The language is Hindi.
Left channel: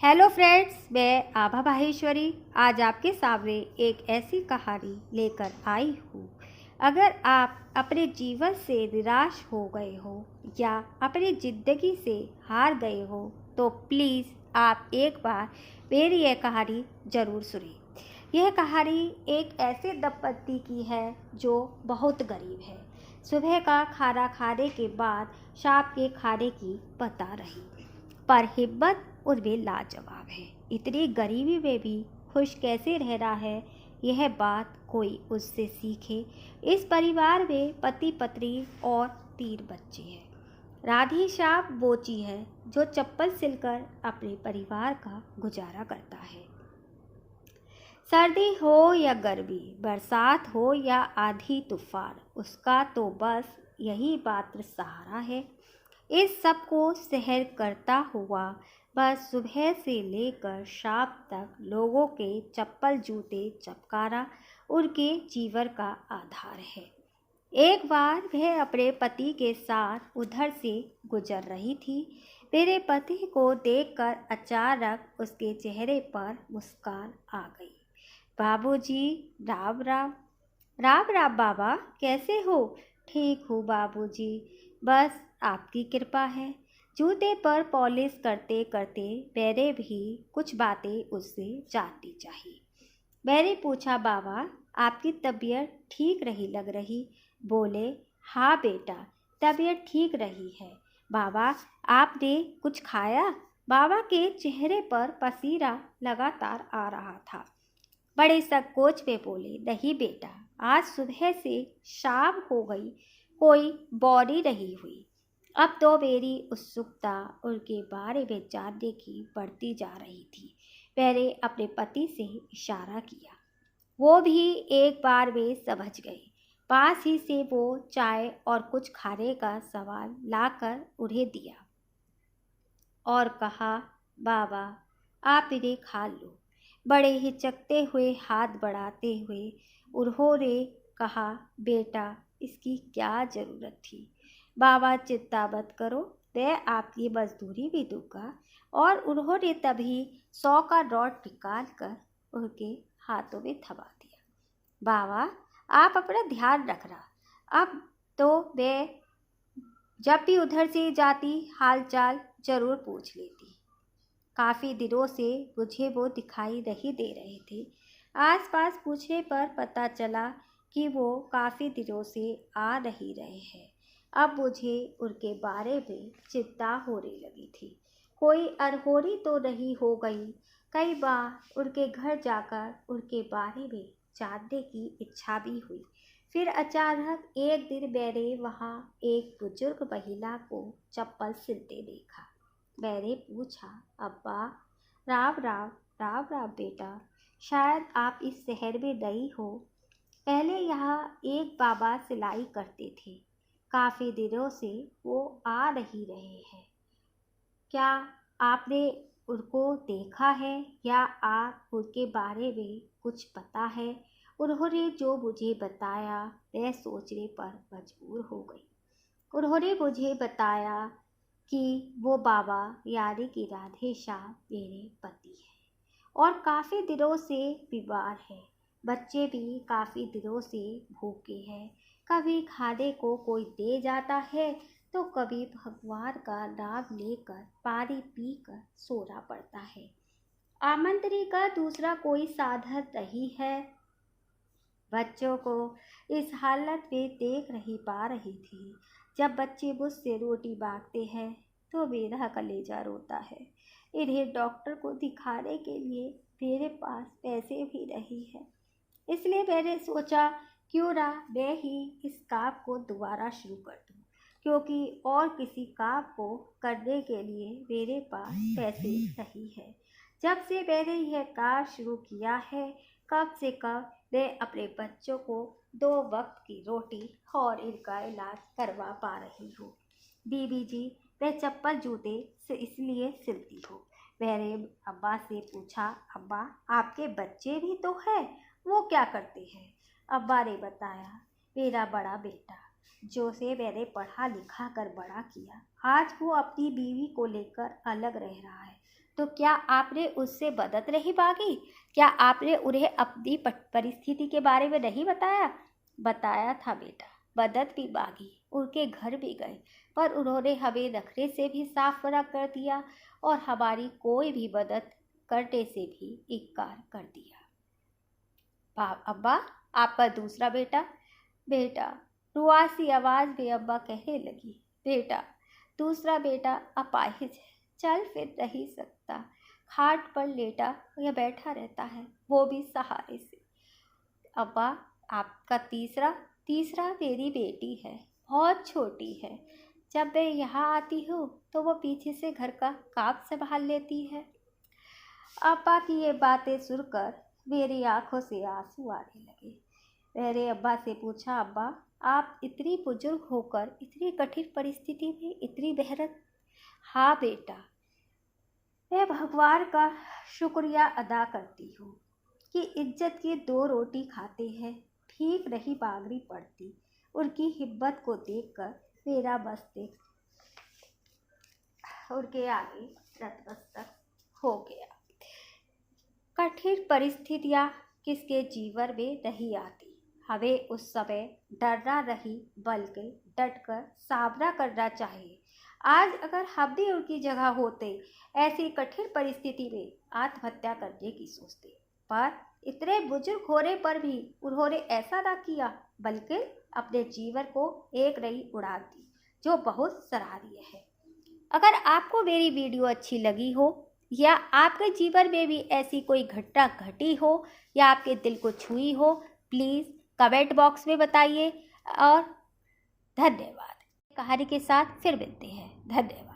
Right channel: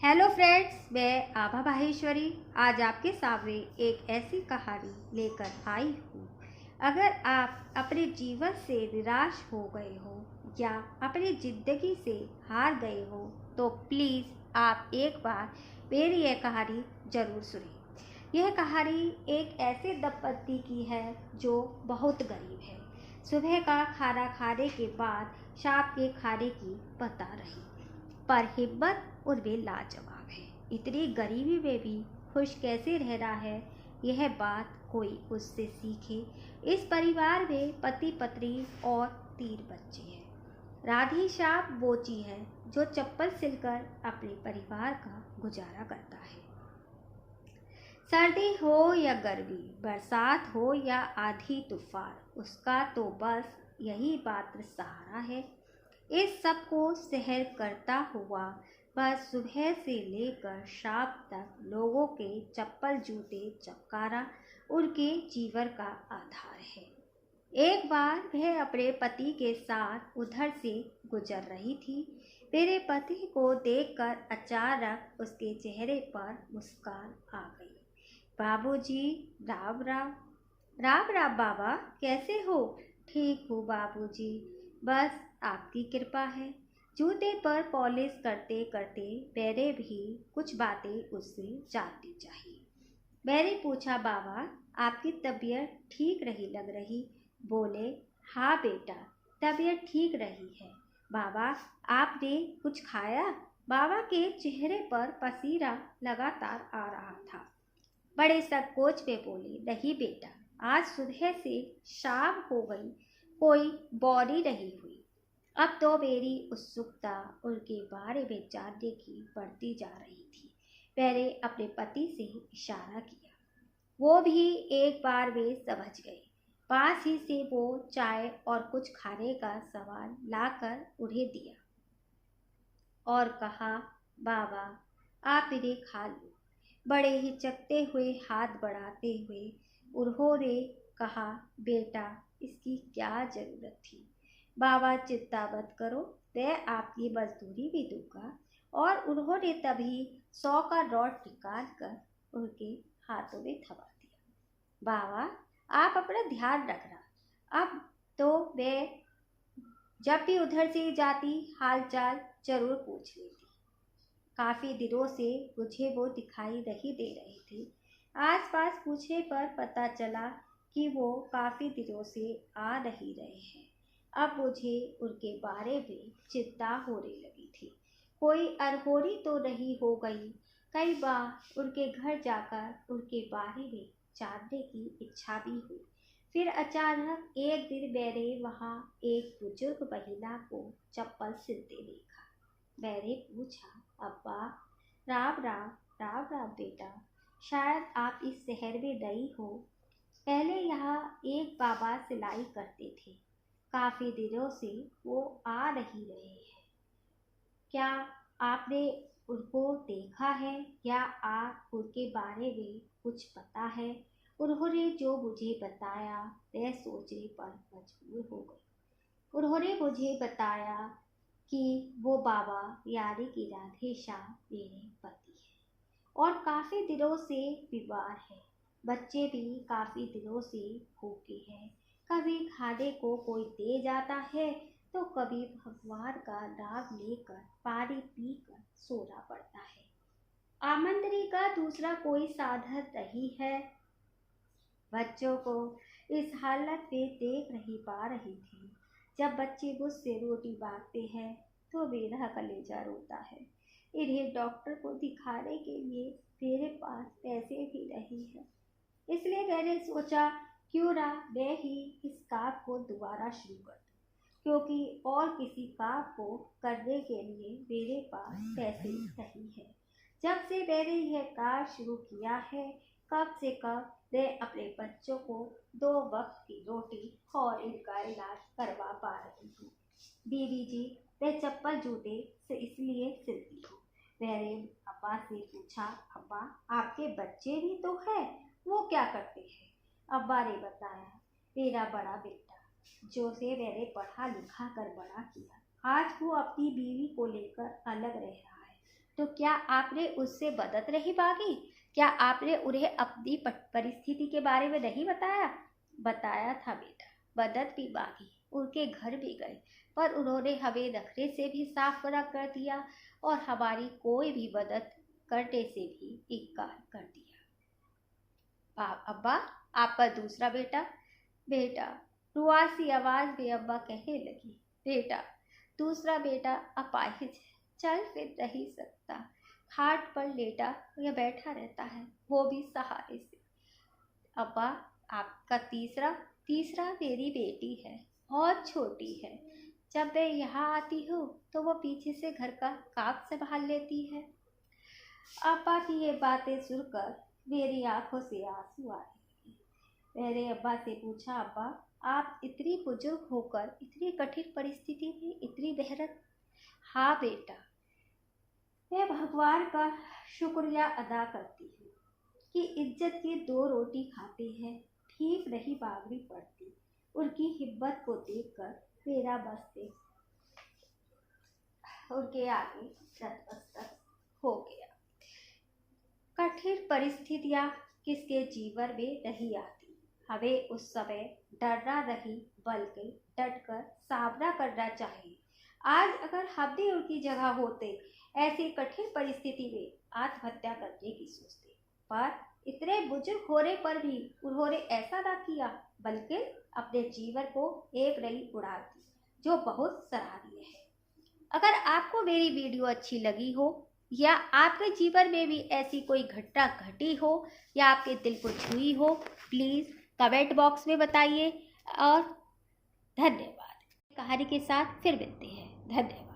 हेलो फ्रेंड्स, मैं आभा माहेश्वरी आज आपके सामने एक ऐसी कहानी लेकर आई हूँ। अगर आप अपने जीवन से निराश हो गए हो या अपनी ज़िंदगी से हार गए हो तो प्लीज़ आप एक बार मेरी यह कहानी ज़रूर सुनिए। यह कहानी एक ऐसे दंपत्ति की है जो बहुत गरीब है। सुबह का खाना खाने के बाद शाम के खाने की बता रही, पर हिम्मत उनमें लाजवाब है। इतनी गरीबी में भी खुश कैसे रहना है, यह बात कोई उससे सीखे। इस परिवार में पति पत्नी और 3 बच्चे हैं। राधी श्याम बोची है जो चप्पल सिलकर अपने परिवार का गुजारा करता है। सर्दी हो या गर्मी, बरसात हो या आंधी तूफान, उसका तो बस यही मात्र सहारा है। इस सब को सहन करता हुआ बस सुबह से लेकर शाम तक लोगों के चप्पल जूते चमकाना उनके जीवन का आधार है। एक बार वह अपने पति के साथ उधर से गुजर रही थी। मेरे पति को देखकर अचानक उसके चेहरे पर मुस्कान आ गई। बाबूजी, राम राम। राम राम बाबा, कैसे हो? ठीक हूँ बाबूजी, बस आपकी कृपा है। जूते पर पॉलिश करते करते मैंने भी कुछ बातें उससे जाननी चाहिए। मैंने पूछा, बाबा आपकी तबीयत ठीक नहीं लग रही? बोले, हाँ बेटा, तबीयत ठीक रही है। बाबा आपने कुछ खाया? बाबा के चेहरे पर पसीना लगातार आ रहा था। बड़े संकोच में बोले, नहीं बेटा, आज सुबह से शाम हो गई, कोई बॉडी नहीं हुई। अब तो मेरी उत्सुकता उनके बारे में जानने की बढ़ती जा रही थी। मैंने अपने पति से इशारा किया। वो भी एक बार में समझ गए। पास ही से वो चाय और कुछ खाने का सामान लाकर उन्हें दिया और कहा, बाबा आप इन्हें खा लो। बड़े हिचकते हुए हाथ बढ़ाते हुए उन्होंने कहा, बेटा इसकी क्या ज़रूरत थी? बाबा चिंता मत करो, मैं आपकी मजदूरी भी दूंगा। और उन्होंने तभी 100 का नोट निकाल कर उनके हाथों में थमा दिया। बाबा आप अपना ध्यान रखना। अब तो मैं जब भी उधर से जाती हाल चाल जरूर पूछ लेती। काफ़ी दिनों से मुझे वो दिखाई नहीं दे रहे थे। आसपास पूछने पर पता चला कि वो काफ़ी दिनों से आ नहीं रहे हैं। अब मुझे उनके बारे में चिंता होने लगी थी। कोई अनहोनी तो नहीं हो गई? कई बार उनके घर जाकर उनके बारे में जानने की इच्छा भी हुई। फिर अचानक एक दिन मैंने वहाँ एक बुजुर्ग महिला को चप्पल सिलते देखा। मैंने पूछा, अब्बा, राम राम। राम राम बेटा, शायद आप इस शहर में नई हो। पहले यहाँ एक बाबा सिलाई करते थे, काफ़ी दिनों से वो आ नहीं रहे हैं। क्या आपने उनको देखा है या आप उनके बारे में कुछ पता है? उन्होंने जो मुझे बताया मैं सोचने पर मजबूर हो गई। उन्होंने मुझे बताया कि वो बाबा यानी कि राधे श्याम मेरे पति हैं और काफ़ी दिनों से बीमार हैं। बच्चे भी काफ़ी दिनों से भूखे हैं। कभी खाने को कोई दे जाता है तो कभी भगवान का नाम लेकर पानी पीकर सोना पड़ता है। आमंत्रण का दूसरा कोई साधन नहीं है। बच्चों को इस हालत में देख नहीं पा रही थी। जब बच्चे मुझसे रोटी मांगते हैं तो मेरा कलेजा रोता है। इन्हें डॉक्टर को दिखाने के लिए मेरे पास पैसे भी नहीं है। इसलिए मैंने सोचा क्यों ना मैं ही इस काम को दोबारा शुरू कर दूं, क्योंकि और किसी काम को करने के लिए मेरे पास पैसे नहीं है। जब से मैंने यह काम शुरू किया है, कम से कम मैं अपने बच्चों को 2 वक्त की रोटी और इनका इलाज करवा पा रही हूँ। दीदी जी, मैं चप्पल जूते से इसलिए सिलती हूँ। मैंने अम्मा से पूछा, अम्मा आपके बच्चे भी तो हैं, वो क्या करते हैं? अम्मा ने बताया, मेरा बड़ा बेटा जो से मैंने पढ़ा लिखा कर बड़ा किया, आज वो अपनी बीवी को लेकर अलग रह रहा है। तो क्या आपने उससे मदद नहीं मांगी? क्या आपने उन्हें अपनी परिस्थिति के बारे में नहीं बताया? बताया था बेटा, मदद भी मांगी, उनके घर भी गए, पर उन्होंने हमें नखरे से भी साफ मना कर दिया और हमारी कोई भी मदद करने से भी इनकार कर दिया। अब्बा, आपका दूसरा बेटा? बेटा, रुआसी आवाज में अब्बा कहने लगी, बेटा, दूसरा बेटा अपाहिज है, चल फिर नहीं सकता, खाट पर लेटा या बैठा रहता है, वो भी सहारे से। अब्बा, आपका तीसरा? तीसरा मेरी बेटी है, बहुत छोटी है। जब मैं यहाँ आती हूँ तो वो पीछे से घर का काम संभाल लेती है। अब्बा की ये बातें सुनकर मेरी आंखों से आंसू आने लगे। मैंने अब्बा से पूछा, अब्बा, आप इतनी बुजुर्ग होकर इतनी कठिन परिस्थिति में इतनी मेहनत? हाँ बेटा, मैं भगवान का शुक्रिया अदा करती हूँ कि इज्जत की 2 रोटी खाते हैं, भीख नहीं मांगनी पड़ती। उनकी हिम्मत को देखकर मेरा मस्तिष्क उनके आगे नतमस्तक हो गया। कठिन परिस्थितियाँ किसके जीवन में नहीं आती, हमें उस समय डरना नहीं बल्कि डटकर सामना करना चाहिए। आज अगर हम भी उनकी जगह होते, ऐसी कठिन परिस्थिति में आत्महत्या करने की सोचते, पर इतने बुजुर्ग होने पर भी उन्होंने ऐसा ना किया, बल्कि अपने जीवन को एक नई उड़ान दी, जो बहुत सराहनीय है। अगर आपको मेरी वीडियो अच्छी लगी हो या आपके जीवन में भी ऐसी कोई घटना घटी हो या आपके दिल को छुई हो, प्लीज़ कमेंट बॉक्स में बताइए। और धन्यवाद। कहानी के साथ फिर मिलते हैं। धन्यवाद।